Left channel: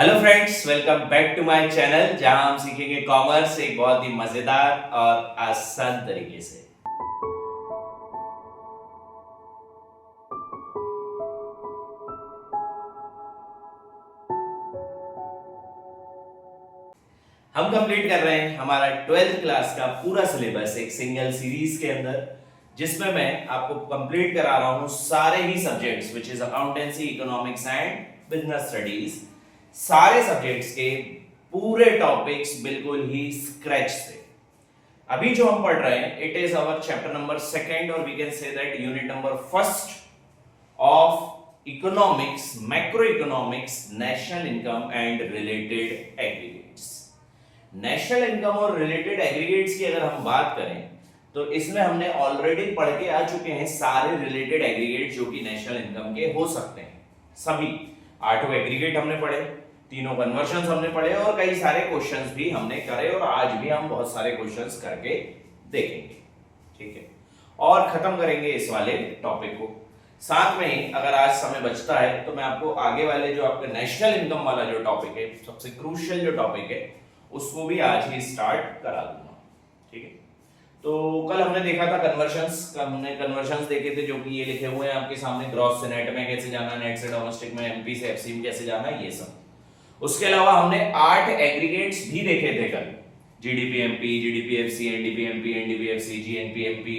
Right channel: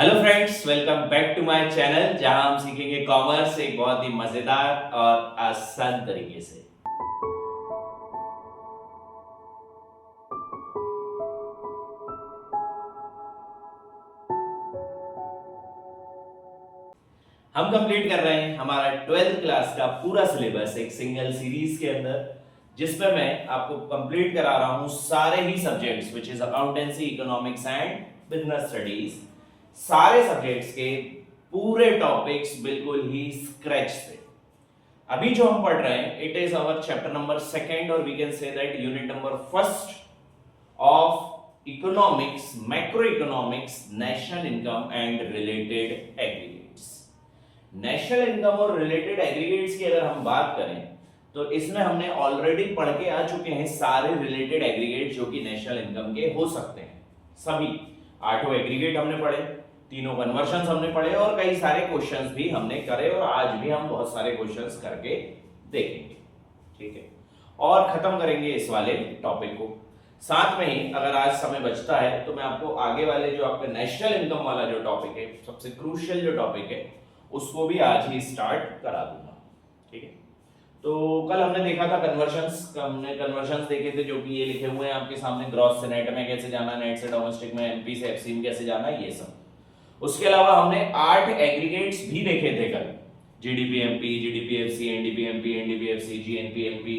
Hello friends, welcome back to my channel जहां हम सीखेंगे कॉमर्स एक बहुत ही मजेदार और आसान तरीके से। हम कंप्लीट कर रहे हैं हमारा 12th क्लास का पूरा सिलेबस एक सिंगल सीरीज के अंदर, जिसमें मैं आपको कंप्लीट करा रहा हूं सारे ही subjects which is accountancy, economics and business studies. सारे सब्जेक्ट्स के पूरे टॉपिक्स बिल्कुल ही स्क्रैच से। अभी जो हम पढ़ रहे हैं it is our chapter number second और we can say that unit number first of economics, macro economics, national income and related aggregates. National income और रिलेटेड एग्रीगेट्स की अगर हम बात करें तो इसमें हमने ऑलरेडी पढ़ के आ चुके हैं सारे रिलेटेड एग्रीगेट जो कि नेशनल इनकम के हो सकते हैं। सभी 8 एग्रीगेट हमने पढ़े, तीनों कन्वर्शंस हमने पढ़े और कई सारे क्वेश्चंस भी हमने करे और आज भी हम बहुत सारे क्वेश्चंस करके देखेंगे, ठीक है, और खत्म करेंगे इस वाले टॉपिक को। साथ में ही अगर आज समय बचता है तो मैं आपको आगे वाले जो आपके नेशनल इनकम वाला जो टॉपिक है, सबसे क्रूशियल जो टॉपिक है, उसको भी आज ही स्टार्ट करा दूंगा, ठीक है। तो कल हमने देखा था कन्वर्शंस, हमने कन्वर्शंस देखे थे जो कि ये लिखे हुए हैं आपके सामने, ग्रॉस से नेट में कैसे जाना, नेट से डोमेस्टिक में, एनपी से एफसी में कैसे जाना, ये सब। उसके अलावा हमने 8 एग्रीगेट्स भी देखे थे कल, GDP MP, GDP FC, NDP MP, NDP FC, GNP MP,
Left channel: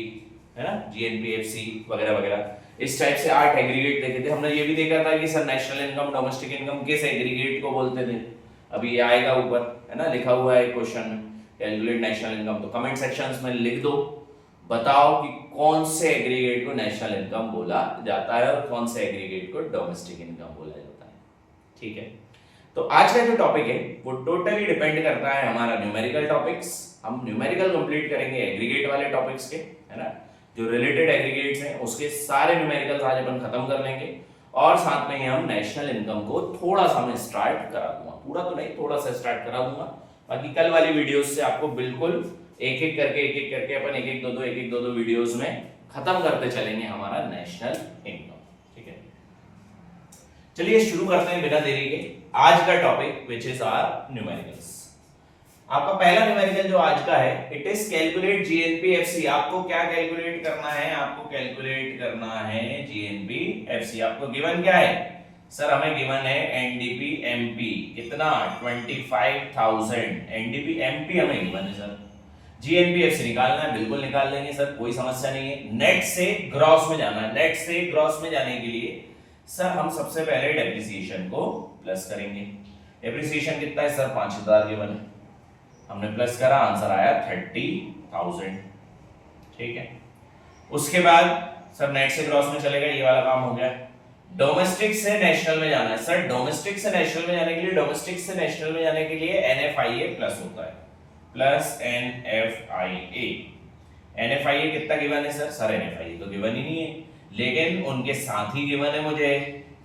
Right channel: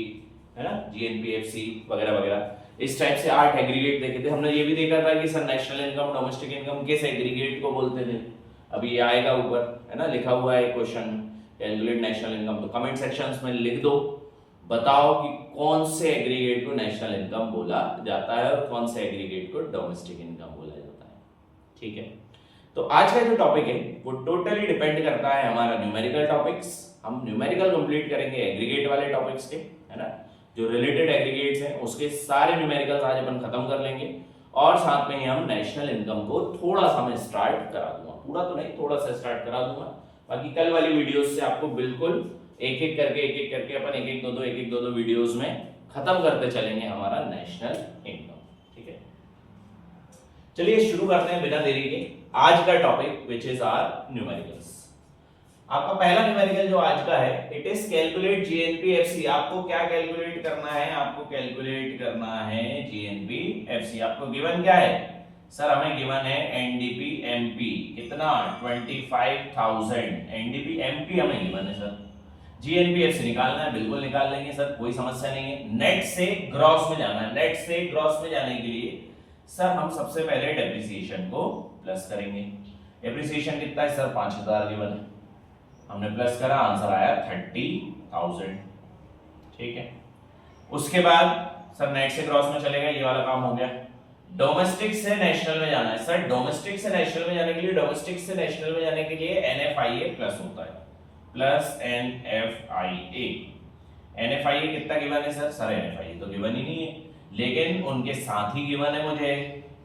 है ना, जीएनपी एफसी वगैरह वगैरह। इस टाइप से 8 एग्रीगेट देखे थे। हमने ये भी देखा था कि sir national income, domestic income किस एग्रीगेट को बोलते थे। अभी ये आएगा ऊपर, है ना, लिखा हुआ है क्वेश्चन में, कैलकुलेट नेशनल इनकम। तो कमेंट सेक्शंस में लिख दो, बताओ कि कौन से एग्रीगेट को नेशनल इनकम बोला जाता है और कौन से एग्रीगेट को डोमेस्टिक इनकम बोला जाता है, ठीक है। तो आज का जो टॉपिक है वो टोटली डिपेंड करता है हमारा न्यूमेरिकल टॉपिक्स। हम न्यूमेरिकल कंप्लीट करेंगे एग्रीगेट वाले टॉपिक्स के, है ना, जो रिलेटेड एग्रीगेट्स हैं उसके सारे न्यूमेरिकल्स आज अपन खत्म कर लेंगे और साथ में ही हम नेशनल इनकम को थोड़ा सा मैं स्टार्ट करा दूंगा, पूरा तो नहीं, थोड़ा सा स्टार्ट करा दूंगा। बाकी कल वाली वीडियोस से आपको बिल्कुल एक एक करके अपन एक एक दो दो वीडियोस में खत्म करते चलेंगे हमारा नेशनल इनकम, ठीक है। चलिए शुरू करते हैं बिना देरी के आज का topic which is our numericals. आपका पहला न्यूमेरिकल जो आज का है इट इज कैलकुलेट जीएनपीएफसी। आपको क्या कैलकुलेट करना है? आपको कैलकुलेट करना है जीएनपीएफसी। आपको गिवन क्या है? सर हमें गिवन है एनडीपी एमपी, कितना? 25,000 एनडीपी एमपी हमें गिवन है सर। जीएनपीएफसी निकालना है, बिल्कुल निकाल लेंगे सर, कोई समस्या नहीं है। नेट से ग्रॉस में जाना है। नेट से ग्रॉस में जाने के लिए सर हम सबसे पहले डेप्रिसिएशन को प्लस करेंगे। डेप्रिसिएशन कितना है सर? 5,000 गिवन है, हमने प्लस करा, आंसर आया 30,000, ठीक है। उसके बाद सर नेट से क्रॉस में चलेगा, ये वाला काम हो गया। डोमेस्टिक से नेशनल में जाना है सर। डोमेस्टिक से नेशनल में जाने के लिए, डोमेस्टिक से नेशनल में जाने के लिए एनएफआईए प्लस होता है, प्लस एनएफआईए। एनएफआईए कितना गिवन है सर? सर एनएफआईए तो गिवन ही नहीं है, लेकिन उनके साथी गिवन है मुझे।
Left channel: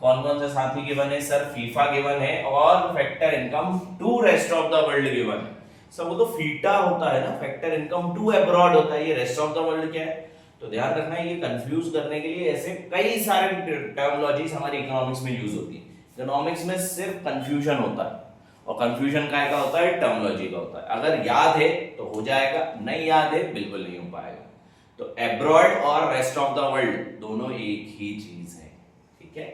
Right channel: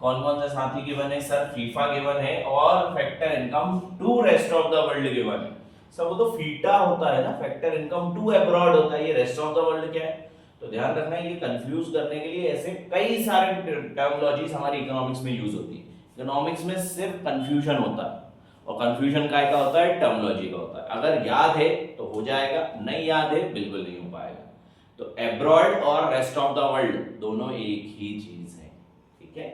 कौन कौन से साथी गिवन है सर? फीफा गिवन है और factor income to rest of the world given है। सर वो तो फीटा होता है ना, फैक्टर इनकम टू अब्रॉड होता है, ये रेस्ट ऑफ द वर्ल्ड क्या है? तो ध्यान रखना है, ये कंफ्यूज करने के लिए ऐसे कई सारे टर्मिनोलॉजीज हमारी इकोनॉमिक्स में यूज होती है। इकोनॉमिक्स में सिर्फ कंफ्यूजन होता है और कंफ्यूजन काय का होता है? टर्मिनोलॉजी का होता है। अगर याद है तो हो जाएगा, नहीं याद है बिल्कुल नहीं हो पाएगा। तो अब्रॉड और रेस्ट ऑफ द वर्ल्ड दोनों एक ही चीज है, ठीक है।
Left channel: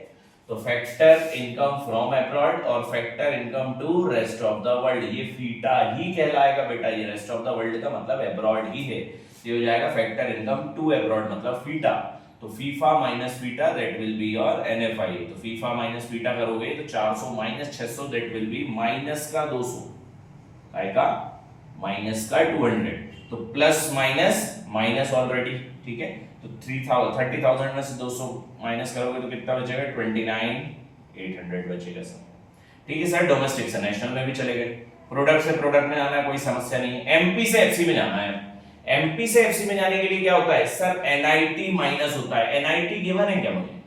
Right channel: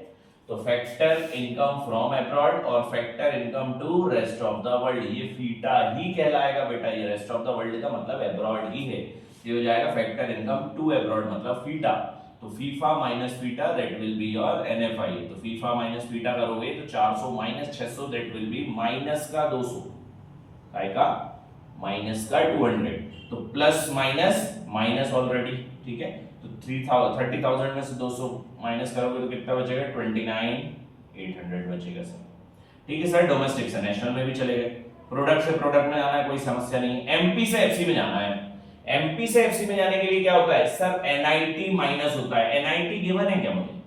तो फैक्टर इनकम फ्रॉम अब्रॉड और factor income to rest of the world, ये फीटा ही कहलाएगा बेटा। ये रेस्ट ऑफ द वर्ल्ड का मतलब अब्रॉड ही है, ये हो जाएगा फैक्टर इनकम टू अब्रॉड मतलब फीटा। तो FIFA minus FITA that will be your NFI. तो फीफा माइनस फीटा करोगे तो 400 minus 600 that will B minus का 200 आएगा, माइनस का 200। तो प्लस माइनस माइनस ऑलरेडी, ठीक है। तो 30,000 में से 200 माइनस करोगे तो कितना बचेगा? 29,800 बचेगा सर, ठीक है सर। डोमेस्टिक से नेशनल में भी चले गए, प्रोडक्ट से प्रोडक्ट में आना है, कोई समस्या नहीं। एमपी से एफसी में जाना है। एमपी से एफसी में जाने के लिए क्या होता है सर? एनआईटी माइनस होता है। एनआईटी गिवन है क्या मुझे?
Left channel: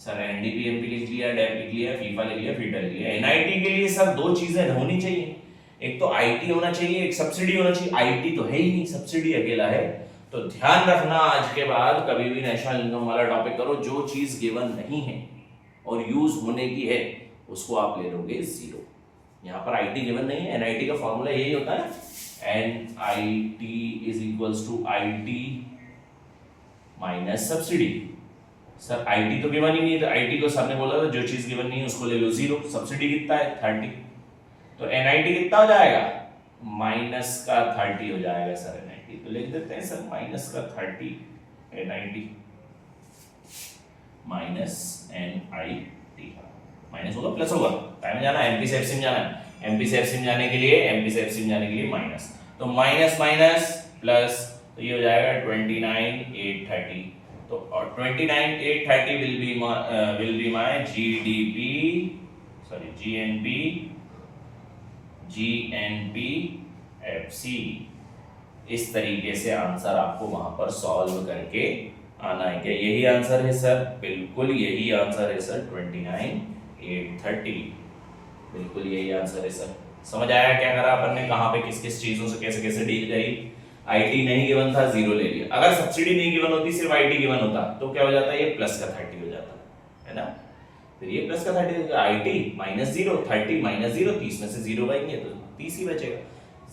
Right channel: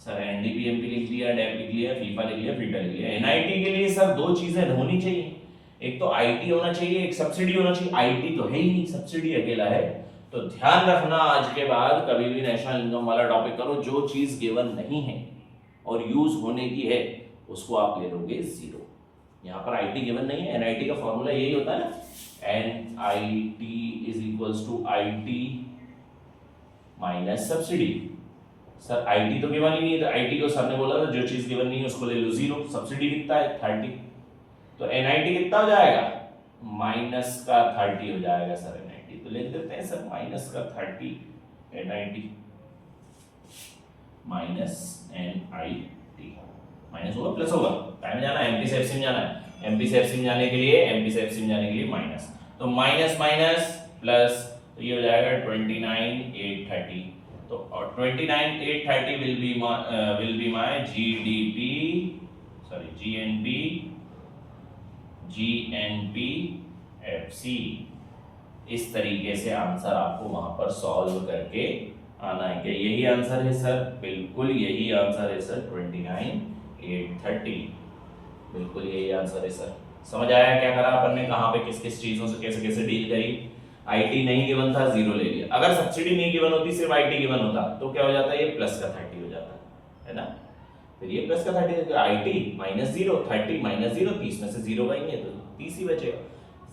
सर एनडीपी एमपी लिख लिया, डेप लिख लिया, फीफा लिख लिया, फीटा लिख लिया। एनआईटी के लिए सर दो चीजें होनी चाहिए, एक तो आईटी होना चाहिए, एक सब्सिडी होना चाहिए। आईटी तो है ही नहीं, सब्सिडी अकेला है। तो ध्यान रखना, आज के बाद कभी भी नेशनल इनकम वाला टॉपिक करो, जो चीज गिवन नहीं है और यूज होने की है उसको आप ले लोगे 0। यहाँ पर IT गिवन नहीं है, NIT का फॉर्मूला यही होता है ना, NIT is equals to IT minus subsidy. Sir IT तो गिवन ही नहीं है, तो IT को सर ने बोला था जो चीज गिवन नहीं है उसको ले लो 0। सब्सिडी कितना है 30, तो NIT कितना हो जाएगा माइनस का 30 हो जाएगा सर NIT। तो लिख देते हैं सर माइनस का 30 NIT माइनस NIT, माइनस होगा प्लस होगा, टाइम में जाना MP से FC में जाना, MP से FC में जाने के लिए MP से FC में जाने के लिए माइनस, तो माइनस माइनस प्लस, तो ये हो जाएगा 29,830। तो 29,830 will be my GNP FC। इस तरीके से आंसर आपको वहां पर सॉल्व करके आना है। क्या यही आंसर है सर? बिल्कुल यही आंसर है सर, 29,830, बिल्कुल यही आंसर है सर। समझ आया क्या करा अपन ने, कहाँ पे किस किस चीजों से कैसे कैसे डील करी। IT नहीं गिवन था 0 ले लिया, अगर सब्सिडी नहीं गिवन होती सिर्फ IT गिवन होता तो क्या हो जाता है, ये प्लस का 30 हो जाता है ना, फिर ये प्लस का 30 IT माइनस 0, 30 माइनस 0, 30 में से 0 गएंगे तो 30 ही बचेगा,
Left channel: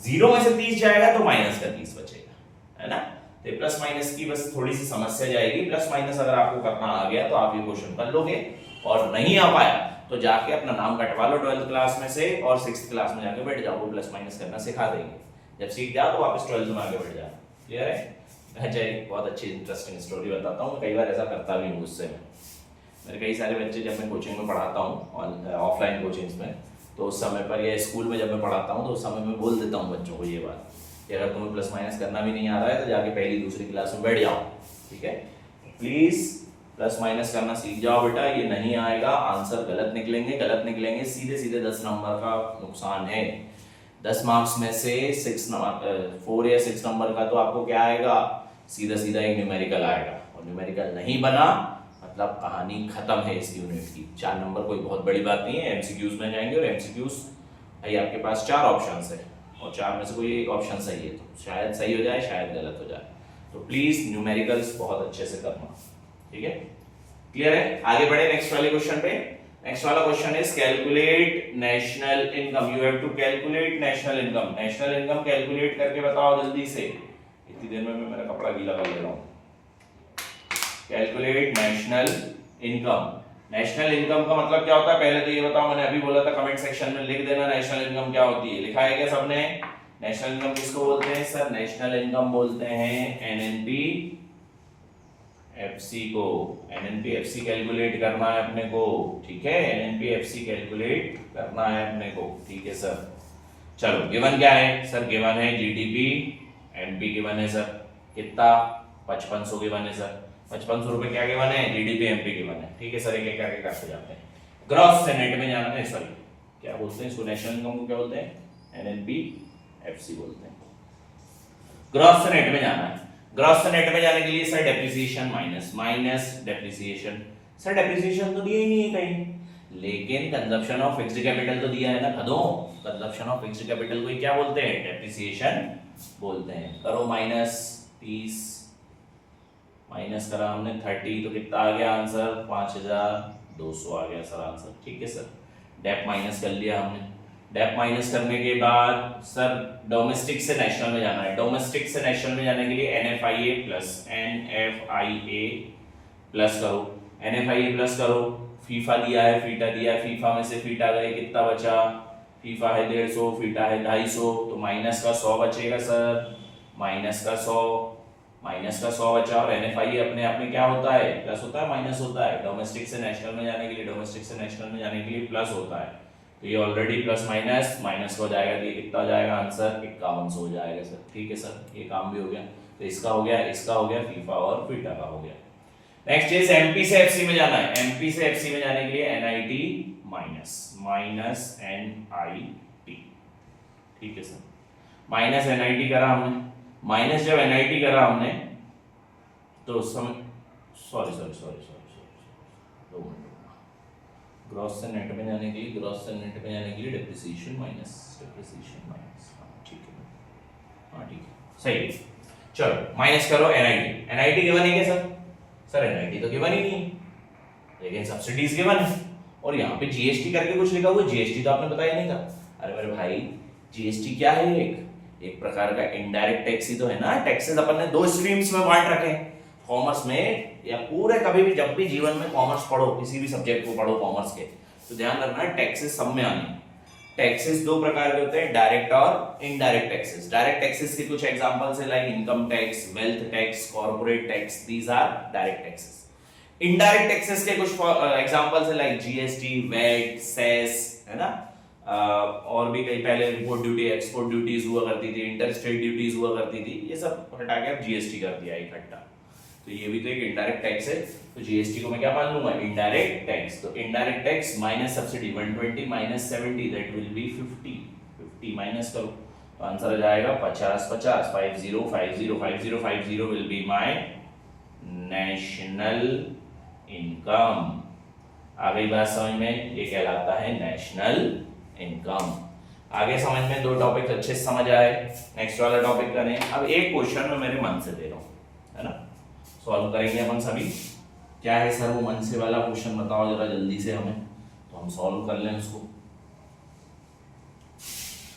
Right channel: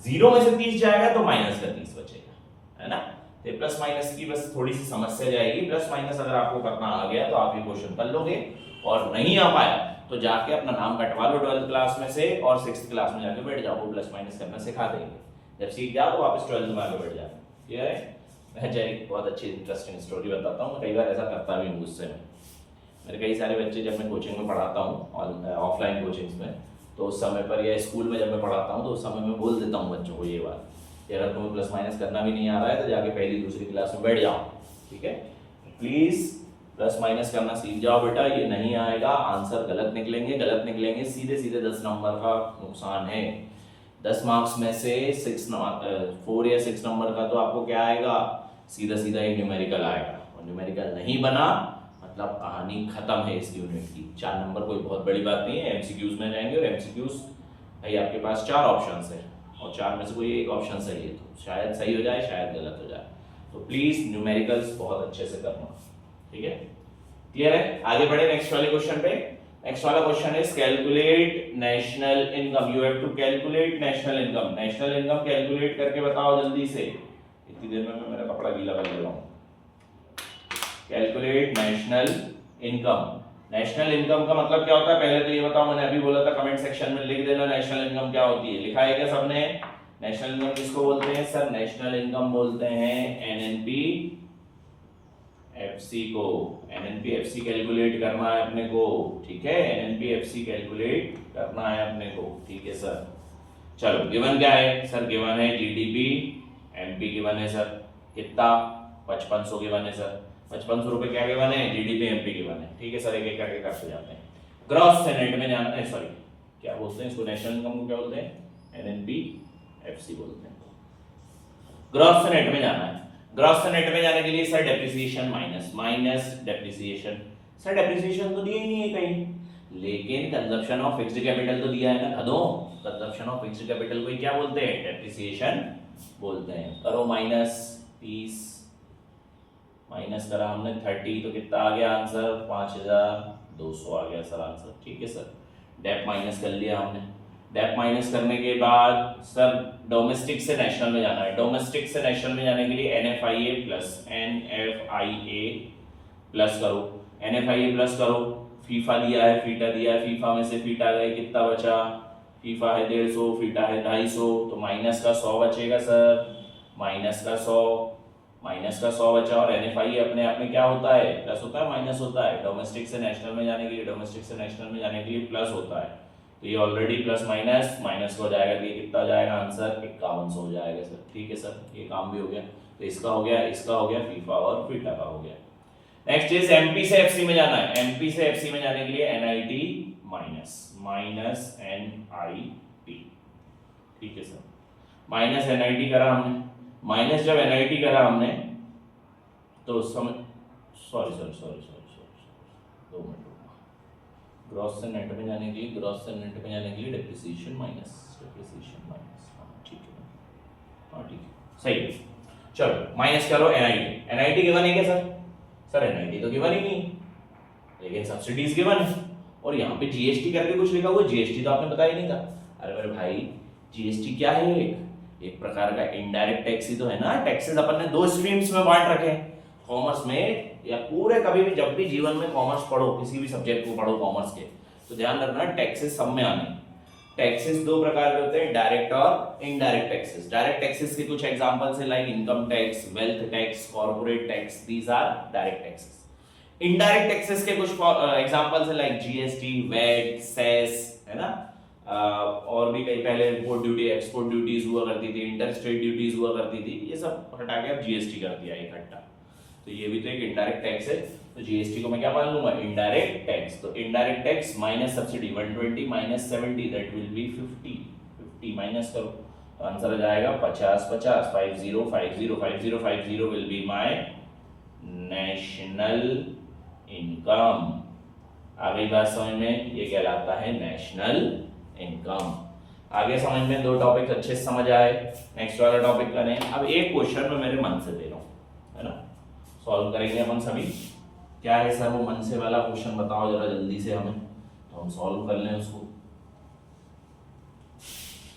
0 में से 30 जाएगा तो माइनस का 30 बचेगा, है ना। तो प्लस माइनस की बस थोड़ी सी समस्या जाएगी, प्लस माइनस अगर आपको करना आ गया तो आप ये क्वेश्चन कर लोगे, और नहीं आ पाया तो जाके अपना नाम कटवा लो 12th क्लास में से और 6th क्लास में जाके बैठ जाओ, वो प्लस माइनस करना सिखा देंगे। जब सीख जाओ तो वापस 12th में आगे बढ़ जाओ। क्लियर है? अच्छा एक बहुत अच्छी इंटरेस्टिंग स्टोरी बताता हूँ, मैं कई बार ऐसा करता भी हूँ गुस्से में। मेरे कई सारे बच्चे जब मैं कोचिंग में पढ़ाता हूँ ऑफलाइन कोचिंग्स में, तो उस समय पर या स्कूल में जब मैं पढ़ाता हूँ तो उस समय मैं बोल देता हूँ बच्चों को ये बात कि अगर तुम्हें प्लस माइनस करना भी नहीं आ रहा है तो जाके पहली दूसरी क्लास में बैठ जाओ, ठीक है। प्लीज प्लस माइनस करना सीख जाओ बेटा, ये नहीं आएगा आंसर गलत निकलेंगे, सीधे सीधे 10 नंबर का नुकसान है। 10 मार्क्स में से 4 या 6 नंबर का तो आपको क्या आएगा, सीधा सीधा एक न्यूमेरिकल आएगा, और न्यूमेरिकल नहीं बना मतलब कहानी खत्म है इस यूनिट की। 4 नंबर कोई बहुत बड़ी बात नहीं है, MCQs में जाएंगे, और MCQs भाई आपके पास 4 ऑप्शंस है और 4 में से कोई एक ऑप्शन सही है, तो शायद सही हो जाए शायद गलत हो जाए, तो प्लीज न्यूमेरिकल्स बहुत अच्छे से करना, ठीक है। क्लियर है? आगे बढ़े नेक्स्ट वाले क्वेश्चन पे। नेक्स्ट वाला question is calculate national income. You have to calculate national income. National income calculate करके बताओ जल्दी से, इतनी देर में मैं मेरा कपड़ा गीला कर ले रहा हूं। Calculate national income. National income का मतलब क्या होता है पहले तो ये बताओ, मैंने अभी बोला था कमेंट सेक्शन में लिख देना नेशनल इनकम क्या होती है। लिखा है क्या सबने? नेशनल इनकम किसको बोलते हैं सर? नेशनल इनकम बोलते हैं NNP FC को। NNP FC कैलकुलेट करना है अपने को, ठीक है। NNP FC कैलकुलेट करना है अपने को, ठीक है सर। चलो गिवन क्या है सर? गिवन है GDP MP गिवन है सर, कितना 5500 गिवन है सर। 5500 रुपए क्या गिवन है? GDP MP गिवन है, ठीक है सर। एक एक करके करते जाते हैं। ग्रॉस से नेट में जाना है, सॉरी क्या बोलते हैं इसको, नेशनल इनकम को क्या बोलते हैं? NNP FC बोलते हैं। ग्रॉस से नेट में जाना है। ग्रॉस से नेट में जाने के लिए sir depreciation minus depreciation. Sir depreciation तो दिया ही नहीं है कहीं, लेकिन कंजप्शन ऑफ फिक्स्ड कैपिटल तो दिया है ना खदों। कंजप्शन ऑफ फिक्स्ड कैपिटल को क्या बोलते हैं? डेप्रिसिएशन बोलते हैं। करो माइनस 30, माइनस करा हमने 30, तो कितना आ गया आंसर? 5200 आ गया सर आंसर, ठीक है सर। डेप माइनस कर लिया हमने। डेप माइनस करने के बाद सर डोमेस्टिक से नेशनल में जाना है। डोमेस्टिक से नेशनल में जाने के लिए NFIA प्लस NFIA प्लस करो, NFIA प्लस करो। फीफा दिया है, फीटा दिया है, फीफा में से फीटा गए, कितना बचा? फीफा है 150, फीटा है 250, तो माइनस का 100 बचेगा सर, माइनस का 100 बचा। और NFIA अपने आप में क्या होता है? प्लस होता है माइनस होता है। डोमेस्टिक से नेशनल में जाने के लिए प्लस होता है, तो ये ऑलरेडी प्लस माइनस हो जाएगा, तो ये कितना हो जाएगा आंसर? 5100 हो जाएगा सर, ठीक है सर। ये काम भी हो गया, तो इसका हो गया, इसका हो गया, फीफा और फीटा का हो गया। नेक्स्ट इज MP से FC में जाना है। MP से FC में जाने के लिए NIT माइनस NIT, ठीक है सर। माइनस NIT करा हमने, माइनस जब NIT करा हमने तो सॉरी 2 मिनट। ग्रॉस से नेट में जाने के लिए डेप्रिसिएशन माइनस, ठीक है, हाँ ठीक है, सही है। चलो माइनस करो NIT गिवन है क्या सर? सर NIT तो गिवन ही नहीं है, लेकिन सब्सिडीज गिवन है, और यहाँ पे जीएसटी करके कुछ लिखा हुआ है, जीएसटी तो आपने बताया नहीं था। अरे मेरे भाई जीएसटी क्या है? एक प्रकार का इनडायरेक्ट टैक्स ही तो है ना। टैक्सेस अपन ने दो स्ट्रीम्स में बांट रखे हैं, कॉमर्स में या पूरे कभी भी जब भी जीवन में कॉमर्स पढ़ो, किसी भी सब्जेक्ट को पढ़ो कॉमर्स के, तो ध्यान रखना टैक्सेस सब में आने। टैक्सेस दो प्रकार के होते हैं, डायरेक्ट और इनडायरेक्ट टैक्सेस। डायरेक्ट टैक्सेस के कुछ एग्जांपल्स है like income tax, wealth tax, corporate tax, these are direct taxes. Indirect taxes के कुछ एग्जांपल्स है लाइक जीएसटी, वैट, सेस, है ना, और भी कई पहले इम्पोर्ट ड्यूटी, एक्सपोर्ट ड्यूटीज हुआ करती थी, इंटर स्टेट ड्यूटीज हुआ करती थी, ये सब हटा के अब जीएसटी कर दिया इकट्ठा। तो ये भी तो एक इनडायरेक्ट टैक्स है। तो जीएसटी को मैं क्या मान लूंगा? Indirect tax. तो indirect tax minus subsidy 120 minus 70 that will be 50। 50 minus करो तो आंसर आ जाएगा 50 50 50 50 50 50 will be my national income. आ गई बात समझ में? ये कहलाता है नेशनल इनकम। आगे समझ में? दो टॉपिक अच्छे से समझ आए। नेक्स्ट वाला टॉपिक करें। अब एक क्वेश्चन मैं मेरे मन से दे रहा हूं, है ना, सॉल्व करेंगे अपन सभी। क्या है सर वो मन से वाला क्वेश्चन? बताओ जरा जल्दी से हमें, तो हम सॉल्व कर लें उसको।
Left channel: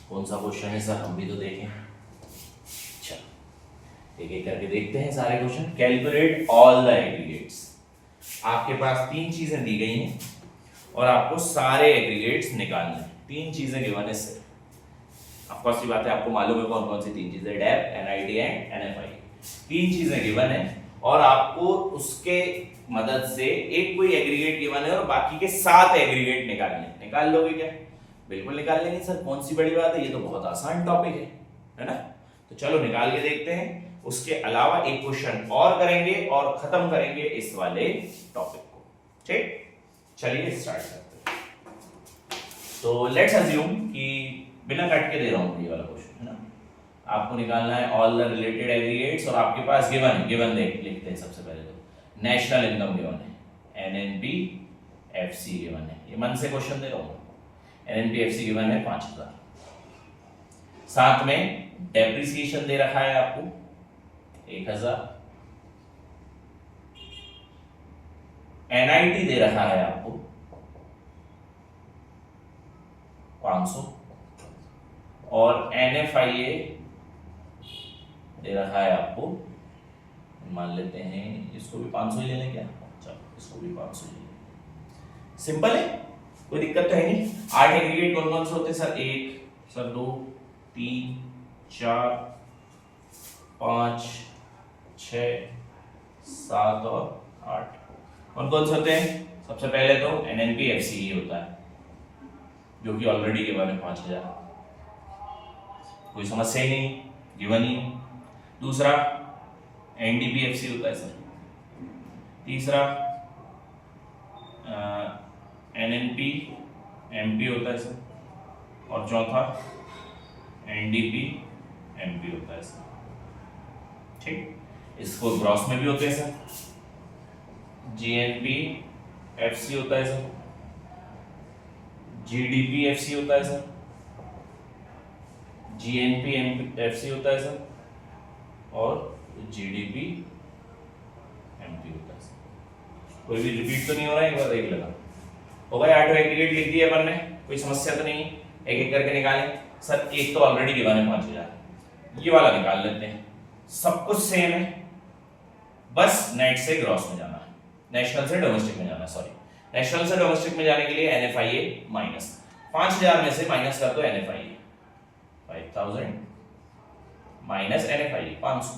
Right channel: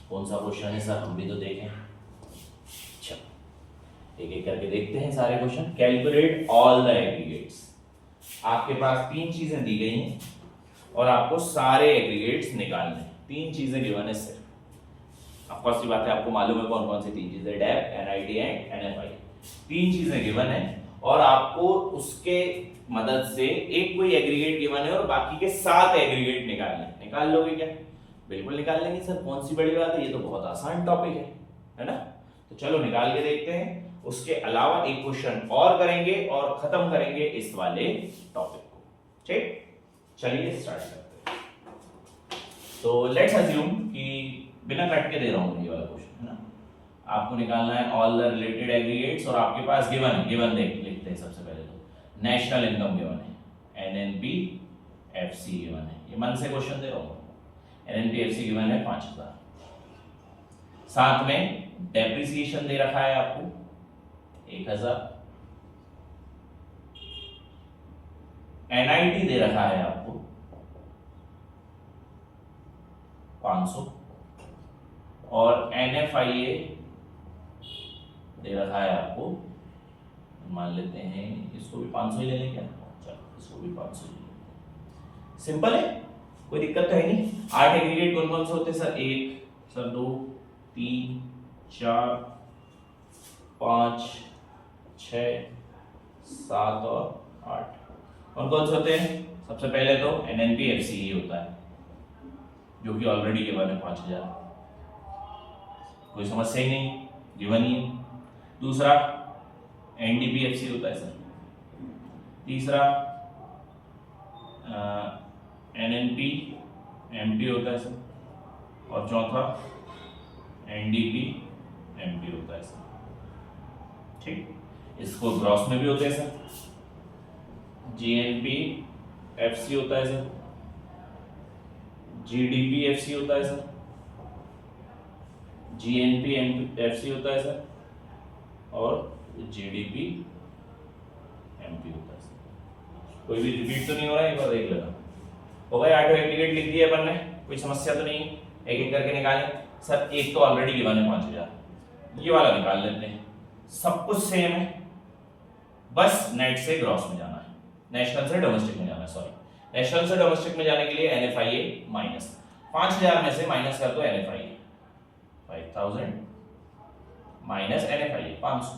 कौन सा क्वेश्चन है सर, हम भी तो देखें। अच्छा, एक एक करके देखते हैं सारे question. Calculate all the aggregates. आपके पास तीन चीजें दी गई हैं और आपको सारे एग्रीगेट्स निकालने हैं। तीन चीजें गिवन है सर। अब फर्स्ट बात है, आपको मालूम है कौन कौन सी तीन चीजें? डेप, एनआईटी एंड एनएफआई। तीन चीजें गिवन है और आपको उसके मदद से एक कोई एग्रीगेट गिवन है और बाकी के 7 एग्रीगेट निकालने। निकाल लोगे क्या? बिल्कुल निकाल लेंगे सर, कौन सी बड़ी बात है, ये तो बहुत आसान टॉपिक है ना। तो चलो निकाल के देखते हैं। उसके अलावा एक क्वेश्चन और करेंगे और खत्म करेंगे इस वाले टॉपिक को। ठीक, चलिए स्टार्ट करते हैं। तो लेट्स अज्यूम कि बिना कट के दे रहा हूं ये वाला क्वेश्चन, है ना। आपको निकालना है ऑल द रिलेटेड एग्रीगेट्स और आपके पास गिवन लिखते हैं सबसे पहले। तो नेशनल इनकम गिवन है, एनएनपी एफसी गिवन है। ये मन से क्वेश्चन दे रहा हूं। एनएनपी एफसी गिवन है 5000। साथ में डेप्रिसिएशन दे रखा है आपको 1000। एनआईटी दे रखा है आपको 500 और एनएफआईए दे रखा है आपको, मान लेते हैं इसको भी 500 ही ले लें क्या? चलो इसको भी 500 ही ले। सिंपल है, कोई दिक्कत तो है नहीं। 8 एग्रीगेट कौन कौन से होते हैं सर? 1 सर 2 3 4 5 6 7 और 8 कौन कौन से होते हैं? सबसे पहले तो एनएनपी एफसी ही होता है जो कि ऑलरेडी गिवन है 5000, कोई समस्या ही नहीं, गिवन ही। दूसरा एनडीपीएफसी होता है सर। तीसरा एनएनपी एमपी होता है सर। और चौथा एनडीपी एमपी होता है सर। ठीक, इसको ग्रॉस में भी होते हैं सर। जीएनपी एफसी होता है सर। जीडीपी एफसी होता है सर। जीएनपी एफसी होता है सर। और जीडीपी एमपी होता है सर। कोई भी रिपीट तो नहीं हो रहा है? एक बार देख लेना। हो गया, 8 एग्रीगेट लिख दिए अपन ने, कोई समस्या तो नहीं। एक एक करके निकालें सर। एक तो ऑलरेडी गिवन है 5000, ये वाला निकाल लेते हैं। सब कुछ सेम है, बस नेट से ग्रॉस में जाना है, नेशनल से डोमेस्टिक में जाना है। सॉरी, नेशनल से डोमेस्टिक में जाने के लिए एनएफआईए माइनस 5000 में से माइनस कर दो एनएफआईए 5000 माइनस एनएफआईए 500,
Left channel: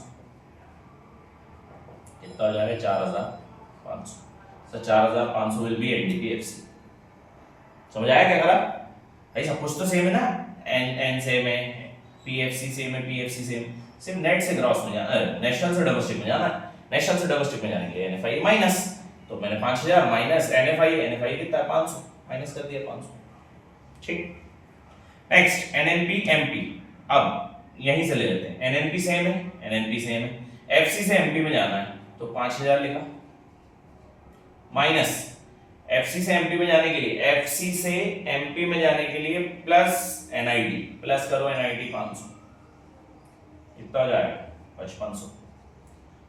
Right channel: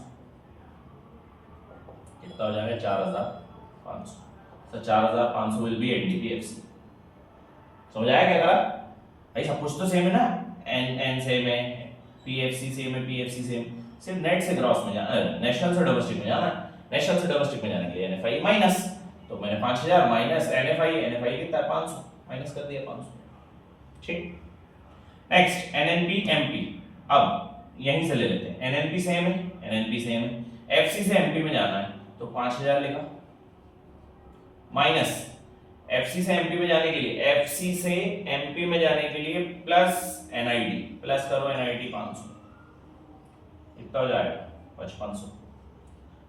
कितना हो जाएगा? 4500। Sir 4500 will be NDPFC. समझ आया क्या करा भाई? सब कुछ तो सेम है ना, एन सेम है, पीएफसी सेम है, पीएफसी सेम। सिर्फ नेट से ग्रॉस में जाना, नेशनल से डोमेस्टिक में जाना है। नेशनल से डोमेस्टिक में जाने के लिए एनएफआई माइनस, तो मैंने 5000 माइनस एनएफआई कितना है? 500, माइनस कर दिया 500। ठीक, नेक्स्ट एनएनपी एमपी। अब यहीं से ले लेते हैं, एनएनपी सेम है, एनएनपी सेम है, एफसी से एमपी में जाना है तो 5000 लिखा, माइनस एफसी से एमपी में जाने के लिए, एफसी से एमपी में जाने के लिए प्लस एनआईटी, प्लस करो एनआईटी 500, कितना हो जाएगा? 5500।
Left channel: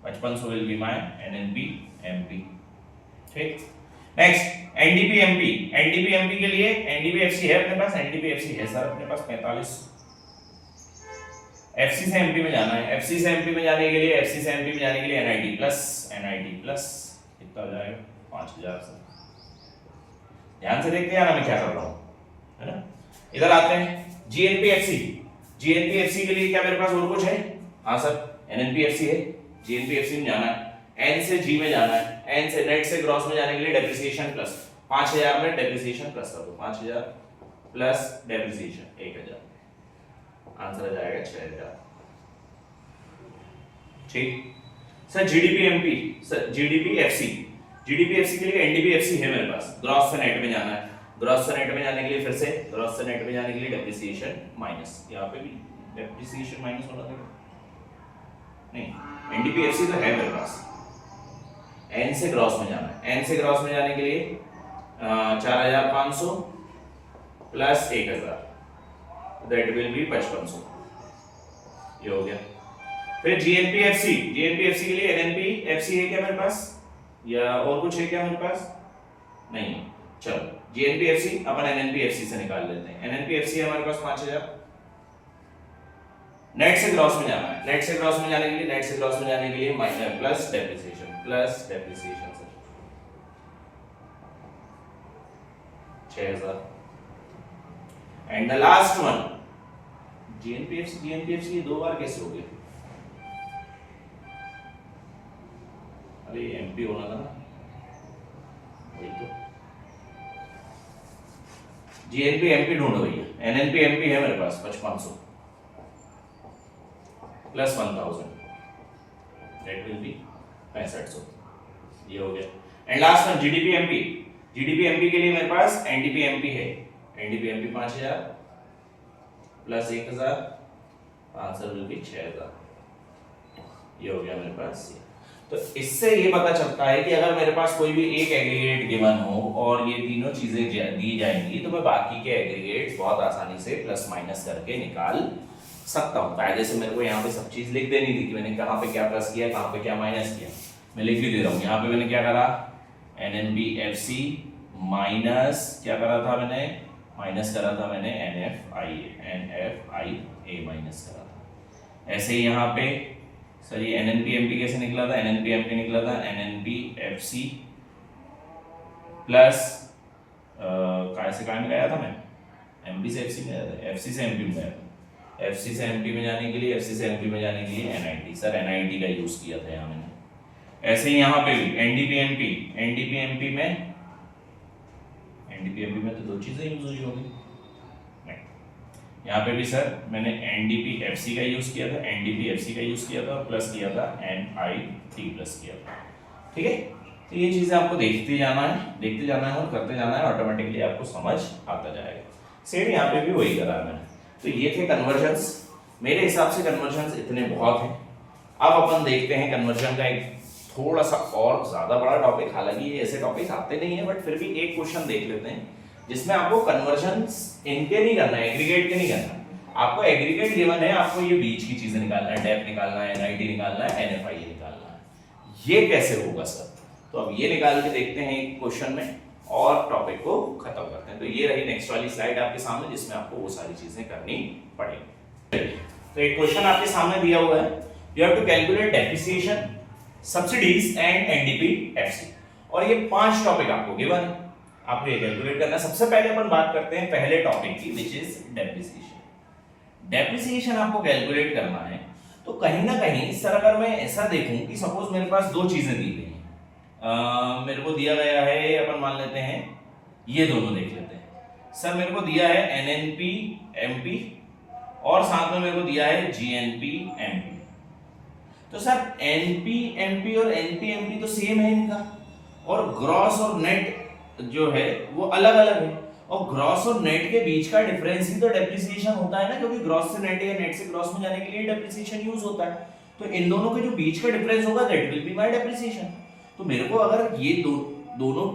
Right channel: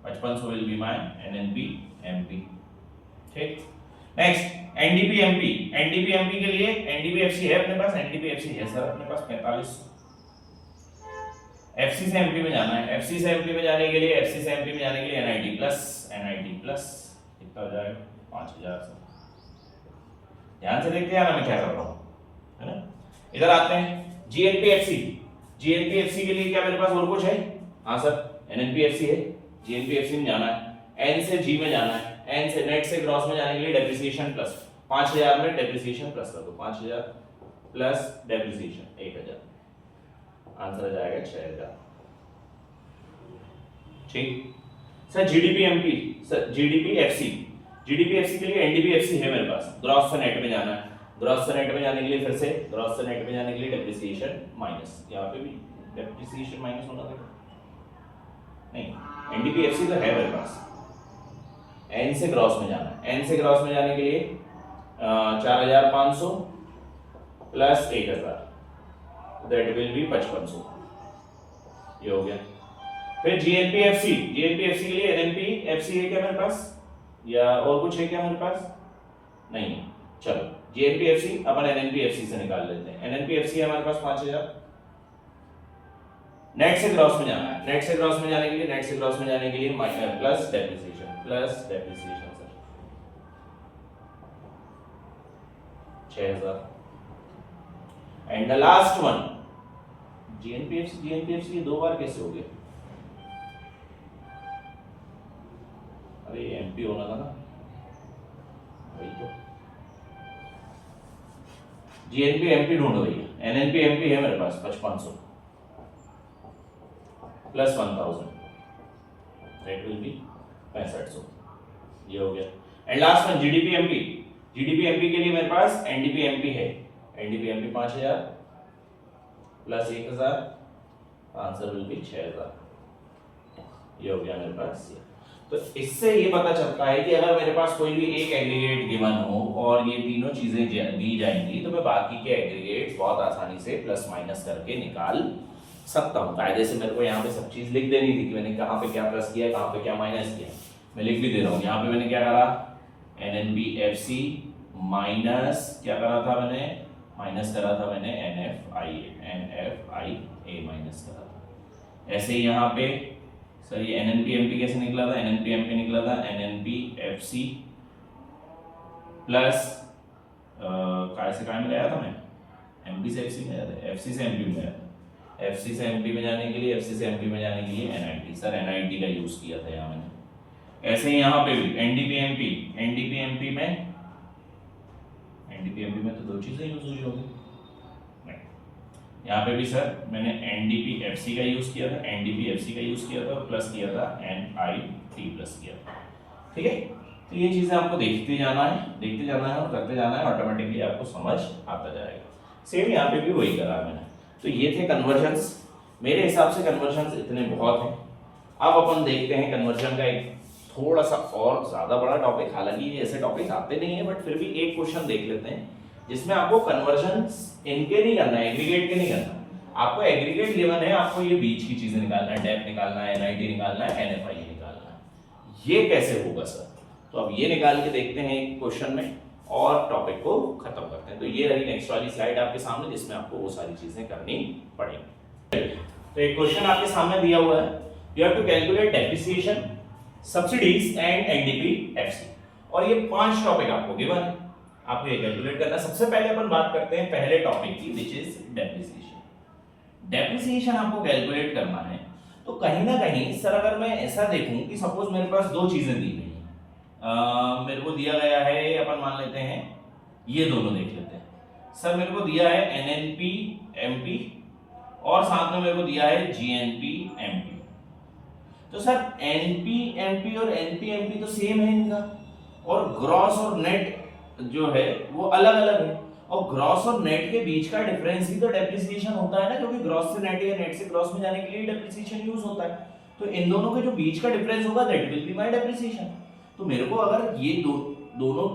5500 will be my NNP MP. ठीक, नेक्स्ट एनडीपीएमपी, एनडीपीएमपी के लिए एनडीपीएफसी है अपने पास, एनडीपीएफसी है सर अपने पास 45। एफसी से एमपी में जाना है, एफसी से एमपी में जाने के लिए, एफसी से एमपी में जाने के लिए एनआईटी प्लस कितना हो जाएगा 5000 से। ध्यान से देखते हैं ना मैं क्या कर रहा हूं, है ना। इधर आते हैं जीएनपीएफसी, जीएनपीएफसी के लिए क्या मेरे पास और कुछ है? हाँ सर एनएनपीएफसी है, जीएनपीएफसी में जाना है, एन से जी में जाना है, एन से नेट से ग्रॉस में जाने के लिए डेप्रिसिएशन प्लस 5000 में डेप्रिसिएशन प्लस कर दो, 5000 प्लस डेप्रिसिएशन 1000, आंसर आ जाएगा 6000। ठीक सर जीडीपीएमपी, सर जीडीपीएफसी, जीडीपीएफसी के लिए एनडीपीएफसी है मेरे पास, ग्रॉस से नेट में जाना है, ग्रॉस से नेट में जाने के लिए फिर से ग्रॉस से नेट में जाने के लिए डेप्रिसिएशन माइनस, यहाँ पे भी डेप्रिसिएशन माइनस होना था नहीं, एनडीपीएफसी तो है मेरे पास, एन से ग्रॉस में जाना है, एन से ग्रॉस में जाने के लिए 4500 प्लस 1000 दैट विल बी 5500, ये हो गया। फिर जीएनपीएफसी, जीएनपीएफसी के लिए एनएनपीएफसी है क्या मेरे पास या और कुछ है क्या मेरे पास? नहीं, चलो जीएनपीएफसी अपन एनएनपीएफसी से निकाल लेते हैं, एनएनपीएफसी है हमारे पास 5000। नेट से ग्रॉस में जाना है, नेट से ग्रॉस में जाने के लिए, नेट से ग्रॉस में जाने के लिए plus depreciation sir 6000। And the last one GNPFC, GNPFC ये दो बार कैसे हो गया? अरे एमपी होना था ना, वही तो जीएनपी एमपी ढूंढो भैया, एनएनपी एमपी है मेरे पास 5500 प्लस 1000 दैट विल बी 6500, ये हो गया। एंड लास्ट वन जीडीपीएमपी, जीडीपीएमपी के लिए मेरे पास एनडीपीएमपी है, एनडीपीएमपी 5000 प्लस 1000, आंसर विल बी 6000, ये हो गया मेरे पास। तो इससे ये पता चलता है कि अगर मेरे पास कोई भी एक एग्रीगेट गिवन हो और ये तीनों चीजें दी जाएंगी तो मैं बाकी के एग्रीगेट्स बहुत आसानी से प्लस माइनस करके निकाल सकता हूं। कायदे से मेरे को यहाँ पे सब चीज लिख देनी थी कि मैंने कहाँ पे क्या प्लस किया, कहाँ पे क्या माइनस किया, मैं लिख भी दे रहा हूँ। यहाँ पे मैंने क्या करा, एनएनबीएफसी माइनस क्या करा था मैंने, माइनस करा था मैंने एनएफआईए माइनस करा था। ऐसे ही यहाँ पे सर ये एनएनपीएमपी कैसे निकला था, एनएनपीएमपी निकला था एनएनपीएफसी प्लस कहाँ से कहाँ में गया था मैं, एमपी से एफसी में गया था, एफसी से एमपी में गया था, एफसी से एमपी में जाने के लिए, एफसी से एमपी में जाने के लिए एनआईटी, सर एनआईटी का यूज किया था यहाँ मैंने। ऐसे ही यहाँ पे भी एनडीपीएमपी, एनडीपीएमपी में तो दो चीजें यूज हुई होगी, यहाँ पे भी सर मैंने एनडीपीएफसी का यूज किया था, एनडीपीएफसी का यूज किया था और प्लस किया था एनआईटी प्लस किया था। ठीक है, तो ये चीजें आपको देखते जाना है और करते जाना है, ऑटोमेटिकली आपको समझ आता जाएगा। सेम यहाँ पे भी वही करा है मैंने। तो ये थे कन्वर्जन्स, मेरे हिसाब से कन्वर्जन्स इतने बहुत हैं। अब अपन देखते हैं कन्वर्जन का एक थोड़ा सा और ज्यादा बड़ा टॉपिक, हालांकि ये ऐसे टॉपिक आते नहीं है बट फिर भी एक क्वेश्चन देख लेते हैं जिसमें आपको कन्वर्जन्स इनके नहीं करना है, एग्रीगेट के नहीं करना। आपको एग्रीगेट गिवन है, आपको ये बीच की चीजें निकालना है, डेप निकालना है, एनआईटी निकालना है, एनएफआईए निकालना है। ये कैसे होगा सर? तो अब ये निकाल के देखते हैं एक क्वेश्चन में और टॉपिक को खत्म करते हैं। तो ये रही नेक्स्ट वाली स्लाइड आपके सामने जिसमें आपको वो सारी चीजें करनी पड़ेंगी। तो एक क्वेश्चन आपके सामने दिया हुआ है, you have to calculate depreciation, subsidies and NDPFC, और ये 5 टॉपिक आपको गिवन है, आपको ये कैलकुलेट करना है। सबसे पहले अपन बात करते हैं पहले टॉपिक की, विच इज डेप्रिसिएशन। डेप्रिसिएशन आपको कैलकुलेट करना है तो कहीं ना कहीं सर अगर मैं ऐसा देखूं कि सपोज मेरे पास दो चीजें दी गई हैं, मेरे को दिया गया है, अपन मान लेते हैं ये दोनों देख लेते हैं। सर मेरे को दिया है एनएनपी एमपी और साथ में मेरे को दिया है जीएनपी एमपी। तो सर एनपी एमपी और एनपी एमपी तो सेम है इनका, और ग्रॉस और नेट जो है वो अलग अलग है, और ग्रॉस और नेट के बीच का डिफरेंस ही तो डेप्रिसिएशन होता है ना, क्योंकि ग्रॉस से नेट या नेट से ग्रॉस में जाने के लिए डेप्रिसिएशन यूज होता है। तो इन दोनों के जो बीच का डिफरेंस होगा that will be my depreciation. तो मेरे को अगर ये दोनों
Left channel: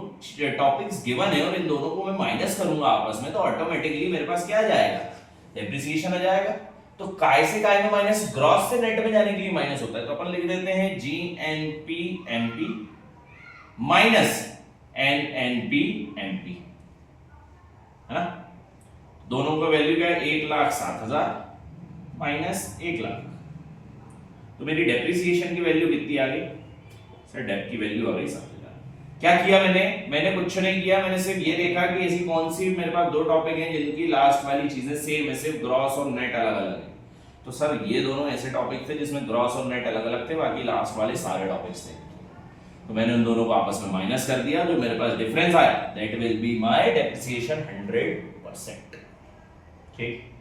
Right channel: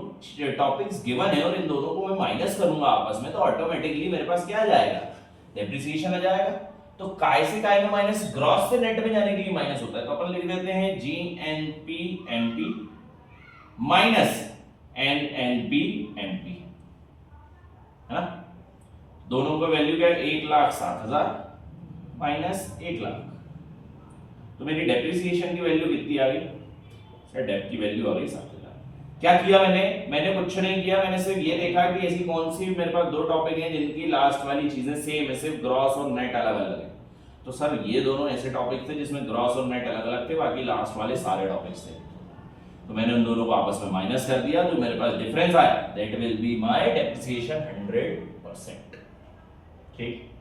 टॉपिक्स गिवन है और इन दोनों को मैं माइनस करूंगा आपस में तो ऑटोमेटिकली मेरे पास क्या आ जाएगा, डेप्रिसिएशन आ जाएगा। तो काय से काय में माइनस, ग्रॉस से नेट में जाने के लिए माइनस होता है, तो अपन लिख देते हैं GNP MP minus NNP MP, है ना। दोनों का वैल्यू क्या है, 1,07,000 माइनस 1,00,000। तो मेरी डेप्रिसिएशन की वैल्यू कितनी आ गई सर, डेप की वैल्यू आ गई 7,000। क्या किया मैंने कुछ नहीं किया, मैंने सिर्फ ये देखा कि ऐसी कौन सी मेरे पास दो टॉपिक हैं जिनकी लास्ट वाली चीजें सेम है, सिर्फ ग्रॉस और नेट अलग अलग है। तो सर ये दोनों ऐसे टॉपिक थे जिसमें ग्रॉस और नेट अलग अलग थे, बाकी लास्ट वाले सारे टॉपिक्स थे। तो मैंने उन दोनों को आपस में माइनस कर दिया, तो मेरे पास डिफरेंस आया, that will be my depreciation 100%। ठीक,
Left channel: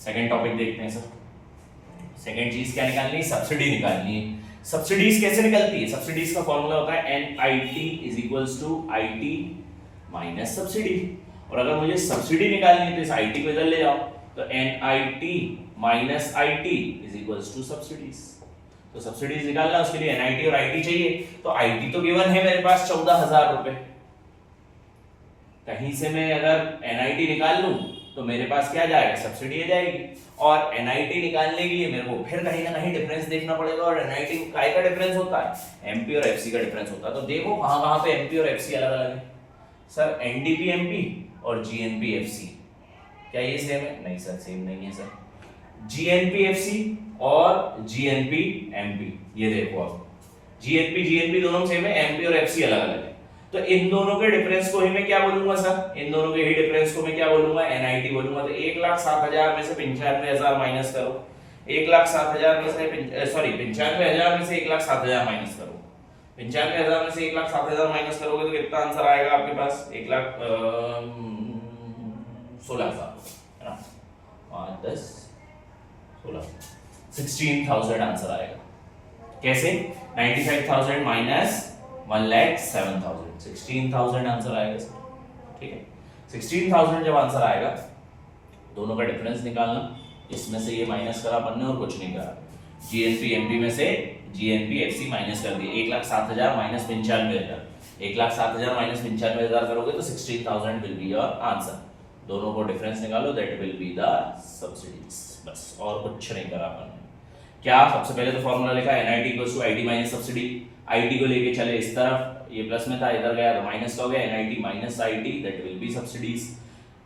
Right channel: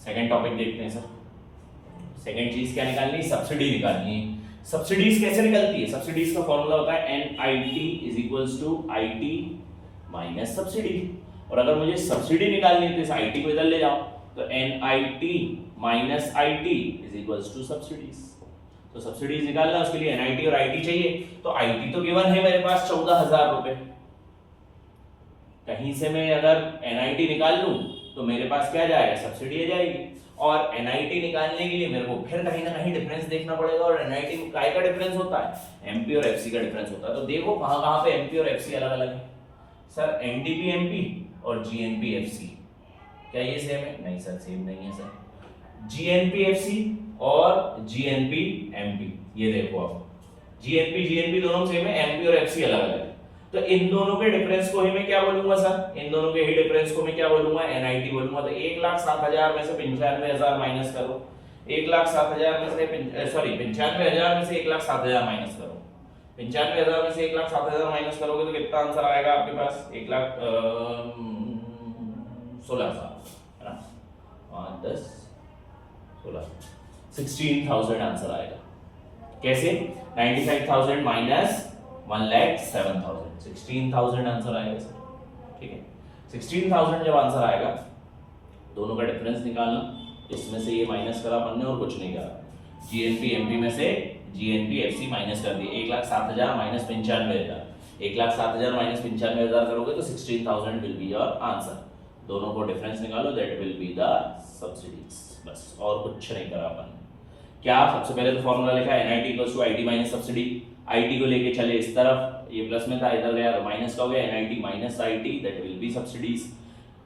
सेकंड टॉपिक देखते हैं सर। सेकंड चीज क्या निकालनी है, सब्सिडी निकालनी है। सब्सिडीज कैसे निकलती है, सब्सिडीज का फॉर्मूला होता है NIT is equals to IT minus subsidy. और अगर मुझे सब्सिडी निकालनी है तो इस IT को इधर ले जाओ, तो NIT minus IT is equals to subsidies. तो सब्सिडीज निकालना, उसके लिए NIT और IT चाहिए। तो IT तो गिवन है मेरे पास 14,000 रुपए, कहीं से मैं अगर NIT निकाल लूं तो मेरे पास क्या जाएगा, सब्सिडी आ जाएगी। और NIT निकालने के लिए मेरे को फिर कहीं ना कहीं डिफरेंस देखना पड़ेगा, और NIT काय का डिफरेंस होता है, MP और FC का डिफरेंस होता है। तो देखो कहां कहां पे MP और FC अलग अलग है सर, NDP MP और GNP FC, क्या ये सेम है, नहीं सर सेम नहीं है सर। GNP FC और GNP MP, ये देखो आप GNP GNP दोनों सेम है, MP और FC अलग अलग है। तो इन दोनों के डिफरेंस को ही मैं क्या बोलूंगा सर, इन दोनों के ही डिफरेंस को मैं क्या बोलूंगा, NIT बोलूंगा। तो 1,07,000 में से 95,000 माइनस करो, 1,07,000 में से सॉरी 95,000 में से 1,07,000 माइनस करो, 95,000 में से 1,07,000 माइनस करोगे तो कितना आंसर आएगा आपके पास, 1,16,000 है ना, 5 10 16 16,000 आंसर आएगा। कैसे, 95,000 माइनस 1,07,000, 16,000 आंसर आएगा सर। ठीक है, 16,000 जब आंसर आएगा, दोनों का डिफरेंस निकालना, इसमें से ये माइनस करा अपन ने और कुछ नहीं करा। GNP MP में से GNP FC माइनस कर दिए, 1,07,000 माइनस 95,000, 1,07,000 माइनस 95,000 करोगे तो 16,000 विल बी योर आंसर। दोनों को डिफरेंस निकालो, that will be the subsidies, बस और कुछ नहीं करा अपन ने। क्या, सबसे पहले तो फॉर्मूला लिखा NIT equals to IT minus subsidy. IT को लेके चले इस तरफ, ये प्लस में था, इधर गया तो माइनस का हो गया, NIT minus IT, that will B subsidies.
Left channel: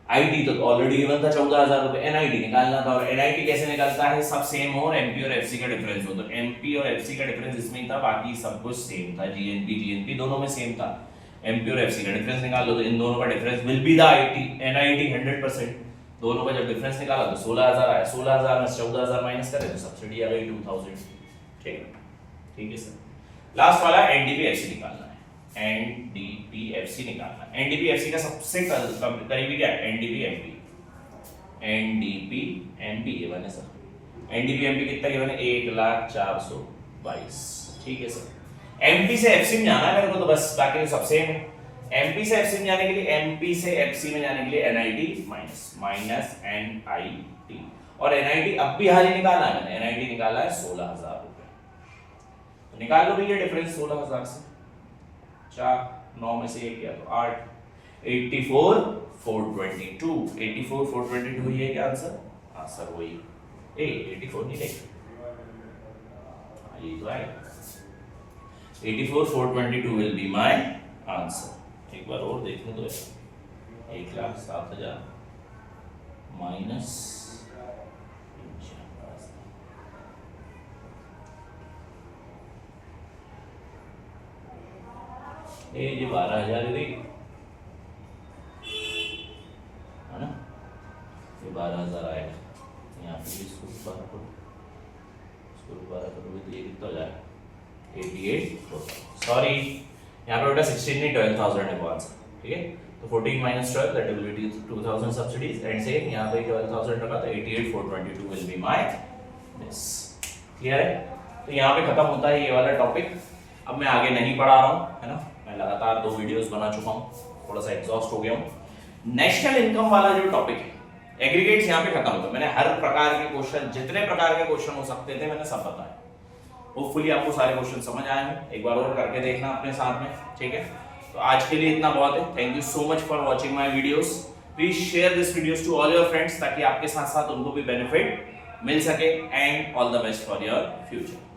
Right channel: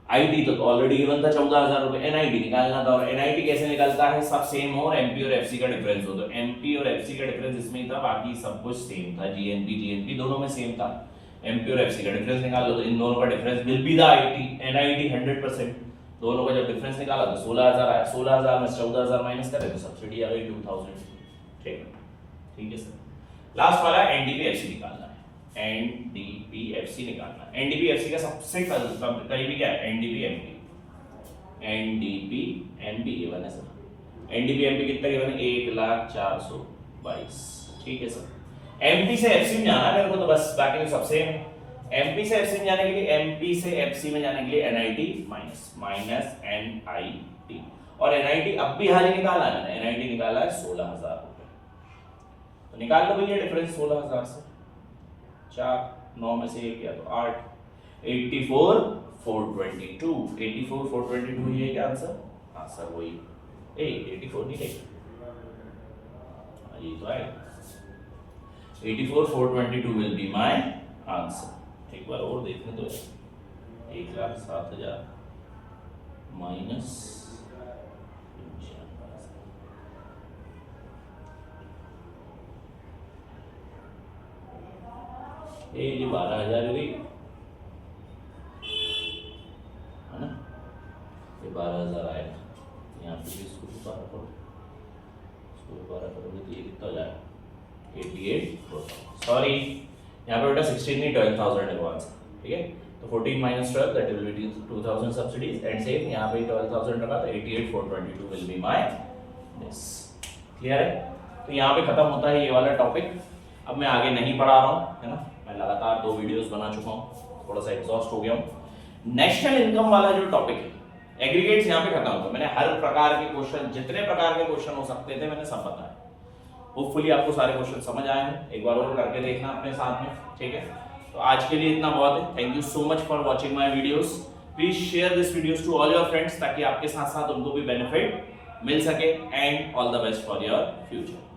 IT तो ऑलरेडी गिवन था 14,000 रुपए, NIT निकालना था। और NIT कैसे निकलता है, सब सेम हो और MP और FC का डिफरेंस हो। तो MP और FC का डिफरेंस इसमें ही था, बाकी सब कुछ सेम था, GNP दोनों में सेम था। MP और FC का डिफरेंस निकाल लो, तो इन दोनों का difference will be the NIT 100%। दोनों का जब डिफरेंस निकाला तो 16,000 आया, 16,000 में 14,000 माइनस करें तो सब्सिडी आ गई 2,000। ठीक है सर। लास्ट वाला NDP FC निकालना है, NDP FC निकालना है। NDP FC का सबसे करीबी क्या है, NDP MP, NDP MP ये बने सर। NDP MP कितना गिवन है, 1,04,22। ठीक है सर। MP से FC में जाना है मेरे को, तो बस बाकी तो सब सेम है। MP से FC में जाने के लिए, MP से FC में जाने के लिए NIT माइनस NIT, और NIT अब भी हाल ही निकाला है, NIT निकाला है 16,000 रुपए। तो निकाल लो भैया डिफरेंस 16,000 से 4 9 में से 1 किया तो 8, 84,422, 84,422 ये क्या आंसर, हाँ सर वही 84 नहीं है, ये तो आएगा 84,422 विल बी माय आंसर। एक बार और देखने दो, 1,07,000 माइनस ये 12,000 है ना, ये 12,000 आएगा। यहाँ पे भी इसको दोबारा करो, इसको दोबारा करोगे तो ये कितना हो जाएगा, 88, सॉरी यहाँ पे बेटा 16 नहीं 12,000 है वो आंसर। ठीक है, तो 14 minus 12 that will B 2,000 subsidies, and same यहाँ पे 12,000 रखा तो 88,422 will be my this. Clear है। तो यहाँ पे खत्म होता है ये वाला टॉपिक। अब मैं आगे नहीं पढ़ा रहा हूँ, है ना, मैं लगातार 2 वीडियोस बना चुका हूँ, थोड़ा सा एग्जॉस्ट हो गया हूँ। नेशनल इनकम वाला जो टॉपिक है, एग्रीगेट्स यहाँ पे खत्म होगा। मैंने हर प्रकार के क्वेश्चन, जितने प्रकार के क्वेश्चन हो सकते थे मैंने सब बताया। होपफुली आपको सारे क्वेश्चन समझ आए हैं, एक बार और करके देखना अपने साथ में। ठीक है, तो आज के लिए इतना बहुत है। Thank you so much for watching my videos. Please share this videos to all your friends, ताकि आपके साथ साथ उनको भी बेनिफिट मिल सके। And all the best for your future.